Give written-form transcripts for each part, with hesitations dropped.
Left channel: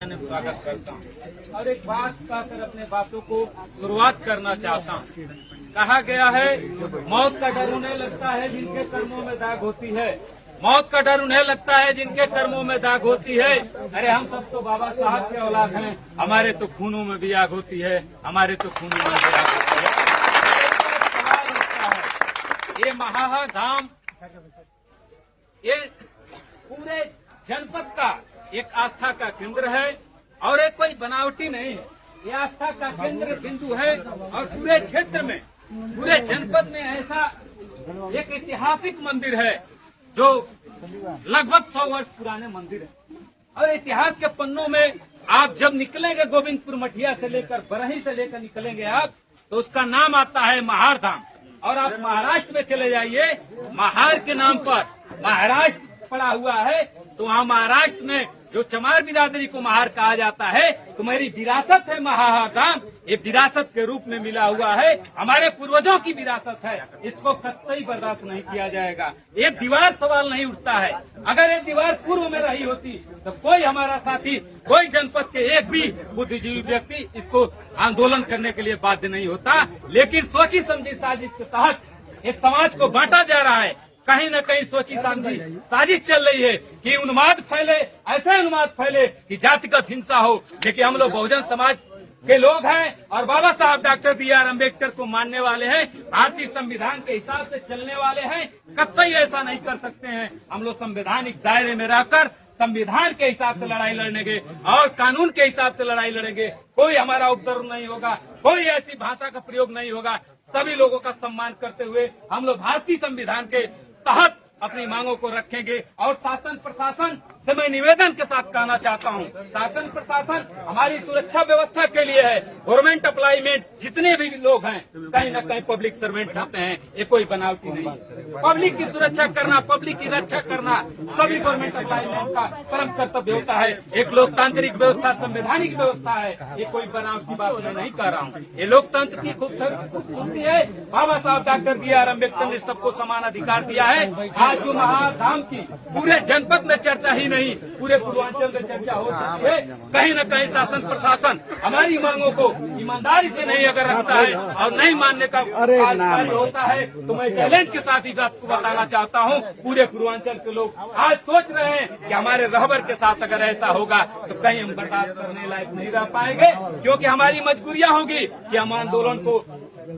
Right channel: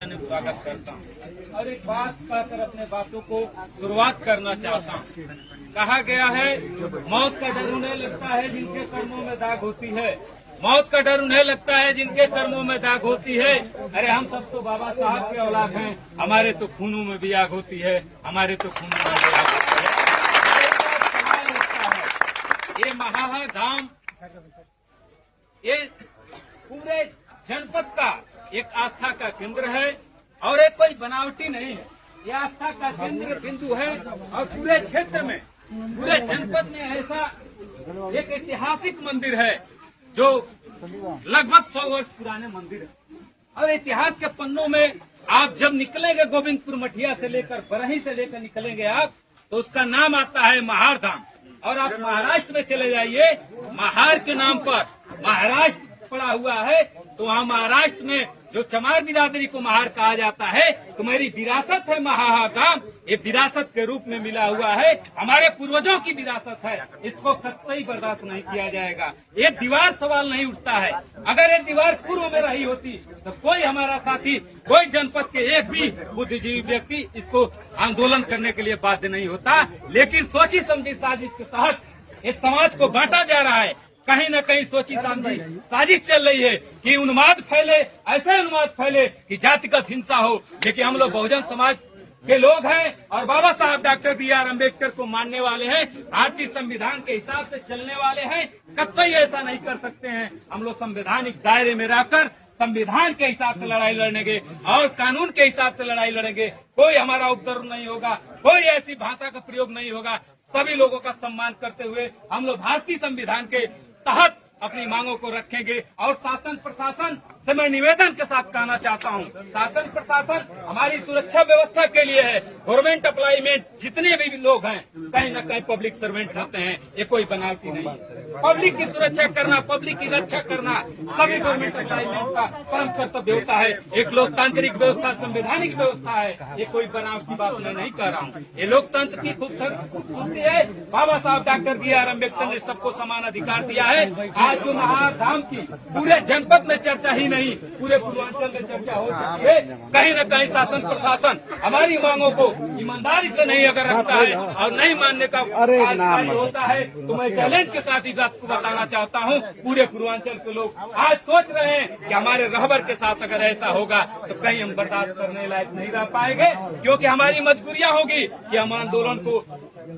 स्वागत करता हूँ और एक बात कहकर अपने बातों को शुरुआत करना चाहता हूँ। कहा गया है मौत का डर उन्हें लगता है जिनके कर्मों में दाग होती है। मौत का डर उन्हें लगता है जिनके कर्मों में दाग होती है। अरे हम सब तो बाबा साहब के औलाद हैं, हमारे तो खूनों में भी आग होती है, हमारे तो खूनों में भी आग होती है। सवाल उठता है ये महाधाम, ये पूरे जनपद का एक आस्था का केंद्र है और एक कोई बनावटी नहीं है। ये आस्था का केंद्र बिंदु है और पूरे क्षेत्र में, पूरे जनपद में ऐसा एक ऐतिहासिक मंदिर है जो लगभग 100 वर्ष पुराने मंदिर है। और इतिहास के पन्नों में आप जब निकलेंगे गोविंदपुर मठिया से लेकर बरही से लेकर निकलेंगे आप, तो उसका नाम आता है महार धाम। और आप महाराष्ट्र में चले जाइए, महार के नाम पर महाराष्ट्र पड़ा हुआ है, तो वहाँ महाराष्ट्र में जो चमार बिरादरी को महार कहा जाता है, तो मेरी विरासत है महार धाम। ये विरासत के रूप में मिला हुआ है, हमारे पूर्वजों की विरासत है, इसको कतई बर्दाश्त नहीं किया जाएगा। ये दीवार सवाल नहीं उठता है। अगर ये दीवार पूर्व में रही होती तो कोई हमारा साथी, कोई जनपद के एक भी बुद्धिजीवी व्यक्ति इसको आंदोलन करने के लिए बाध्य नहीं होता। लेकिन सोची समझी साजिश के तहत इस समाज को बांटा जा रहा है। कहीं न कहीं सोची समझी साजिश चल रही है कि उन्माद फैले, ऐसे उन्माद फैले कि जातिगत हिंसा हो। देखिए हम लोग बहुजन समाज के लोग हैं और बाबा साहब डॉक्टर B.R. अम्बेडकर को मानने वाले हैं, भारतीय संविधान के हिसाब से चलने वाले हैं। कतई ऐसा नहीं कर सकते हैं। हम लोग संवैधानिक दायरे में रहकर संविधान के हिसाब से लड़ाई लड़ेंगे और कानून के हिसाब से लड़ाई लड़ेंगे। कोई हमारा उपद्रव नहीं होगा, कोई ऐसी भाषा का प्रयोग नहीं होगा। सभी लोगों का सम्मान करते हुए हम लोग भारतीय संविधान के तहत अपनी मांगों को रखेंगे। और शासन प्रशासन से मैं निवेदन के साथ कहना चाहता हूँ, शासन प्रशासन हमारी सुरक्षा व्यवस्था के लिए है। गवर्नमेंट अप्लाई में जितने भी लोग हैं कहीं न कहीं पब्लिक सर्वेंट होते हैं, ये कोई बनावटी नहीं। पब्लिक की सुरक्षा करना, पब्लिक की रक्षा करना सभी गवर्नमेंट अप्लाईमेंट का परम कर्तव्य होता है। एक लोकतांत्रिक व्यवस्था, संवैधानिक व्यवस्था है, ये कोई बनावटी बात मैं नहीं कह रहा हूँ। ये लोकतंत्र की खूबसूरती है। बाबा साहब डॉक्टर B.R. अम्बेडकर ने सबको समान अधिकार दिया है। आज जो महाधाम की पूरे जनपद में चर्चा ही नहीं, पूरे पूर्वांचल में चर्चा हो सकती है। कहीं न कहीं शासन प्रशासन हमारी मांगों को ईमानदारी से नहीं अगर रखता है और नहीं मानने का कार्य होता है, तो मैं चैलेंज के साथ ही बात को बताना चाहता हूँ। पूरे पूर्वांचल के लोग आज सोच रहे हैं कि हमारे रहबर के साथ अगर ऐसा होगा तो कहीं हम बर्दाश्त करने लायक नहीं रह पाएंगे, क्योंकि हमारी मजबूरियां होगी कि हम आंदोलन को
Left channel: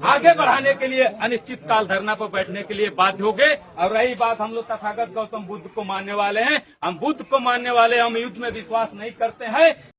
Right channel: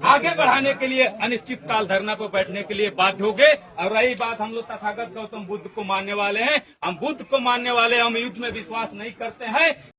आगे बढ़ाने के लिए अनिश्चित काल धरना पर बैठने के लिए बाध्य हो गए। और रही बात, हम लोग तथागत गौतम बुद्ध को मानने वाले हैं, हम बुद्ध को मानने वाले, हम युद्ध में विश्वास नहीं करते हैं।